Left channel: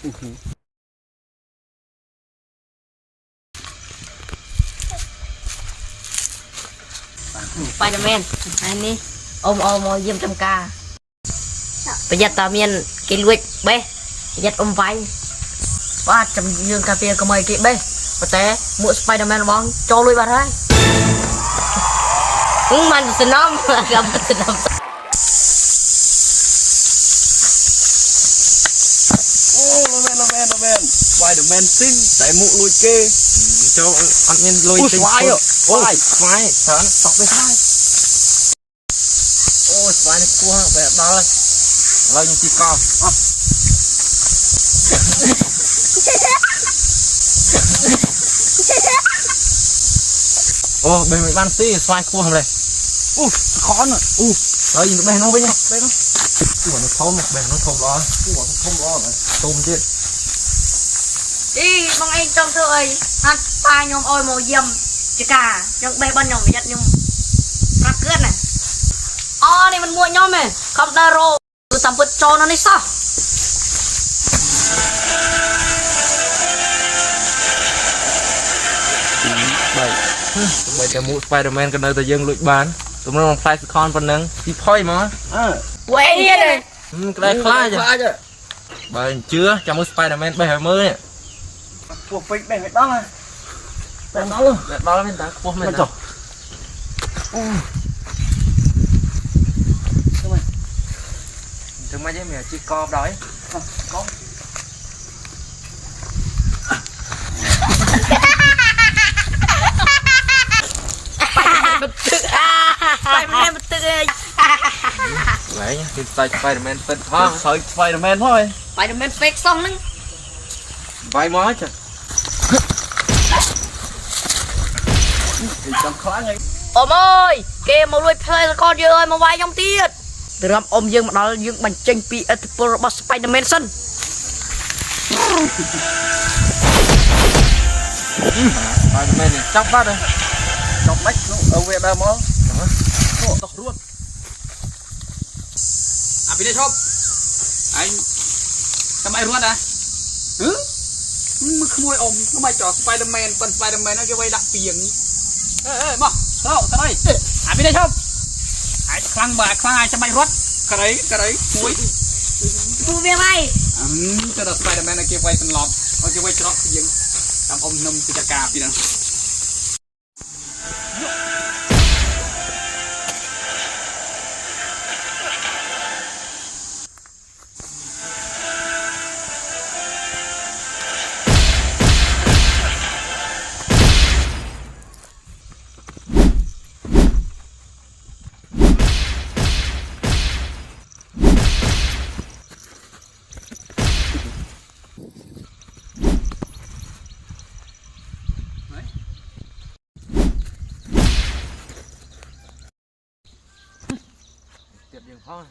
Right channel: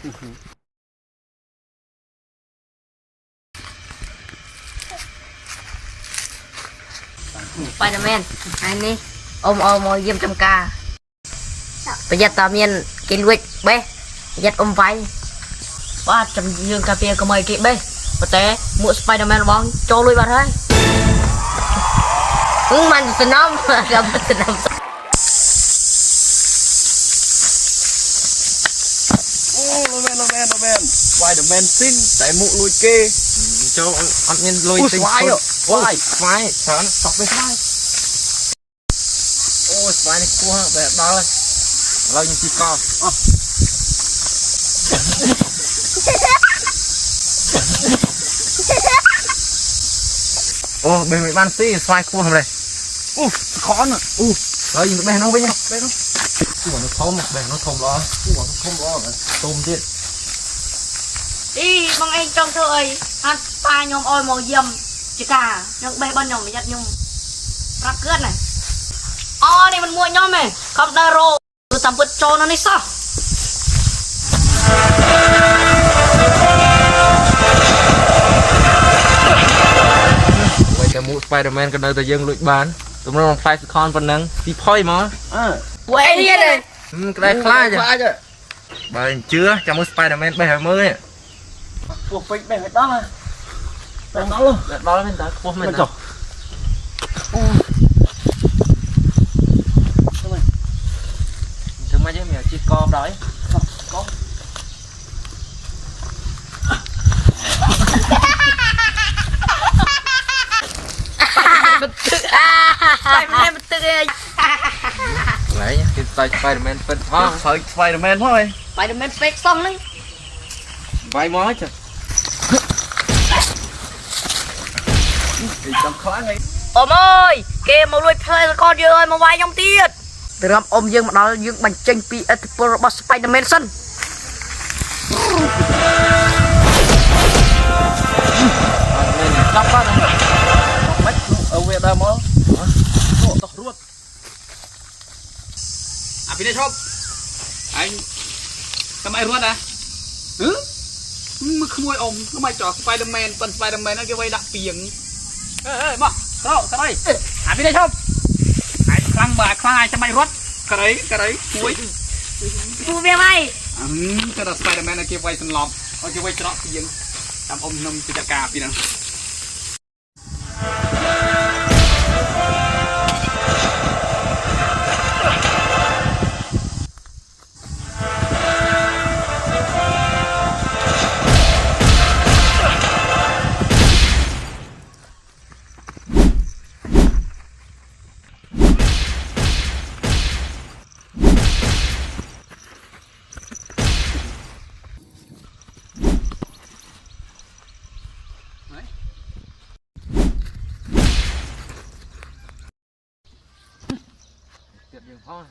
ไปนะแม่อันนี้อมเยี่ยมจำกาประหยัดตาเมียนกินลุยเบ้ประหยัดไฟว่าจำยืนคาเฟ่ก็ไม่กินเบ้แต่หมวดสไปเดอร์แมนบ้องโจลุยบ้าได้มันสนมกับสนมโอ้โนแมนสไปเดอร์แมนซิ่งแต่หมูลุยเกโจอันนี้ลุยซิ่งโอ้ยสไปตกไปได้โอ้สไปนี่กลัวแบบนั้นเลยเรายังตีกอโอ้เบย์บ้านซี่สไปกลัวทำไรคอนอ่ะเรายิงแบงน้องไปยังแบงน้องหัวน้องทมแบงน้องทมร้อนหัวน้องทมร้อนเลยตุ่มเจ็ดđi bằng anh trong thời hát pa nhom ôi màu dầm chỉ cả nhom bê bên nhom giật nhom rất cướp này này mình mua nhom này không đa rô từ tầm bứt cho nó đi sao vậy cái mũ Spiderman cái nơi ta dừng lụi bán tụi nó fly con phần nâng thì phơi mà quay đi này cái này fly chứ bởi chưa cho mũ Spiderman bây giờ mới nè cuộc phịch bẻ đó mà bẻ đó luôn bẻ đó lên đá của mình rồi thứ mấy chứ mẹ chỉ con đói con Spiderman bật tự lấy nhá cái tay Spiderman phân thôi Spiderman thôi Spiderman fake xong nữa vay mó chứ ôm ơi kê mà nuôi play con chưa ơi mà vay trong tiệt từ làm ôm dương mà đó dương bánh chanh pi Pro Spiderman sân Spiderman chóc phát rồi chọc bách ở về đâu mó tóc ruộtพี่ได้ชอบไอ้ทำไมรู้นะมึงขโมยอมทำไมจ่อสไปเดอร์แมนเป็นสไปเดอร์แมนนั่นแกไว้ดักเปียงมาเข้าทำไมพี่ได้ชอบไอ้คลั่งบ่าคลั่งไอ้ทำไมรถกระไรหวย กูเบี้ยไหมถ้าสไปเดอร์แมนนั่นแกไว้สลอมเอาจะไว้จอกเปียงทำอมนมปิจกาพี่นั่นtiệm dừng thôi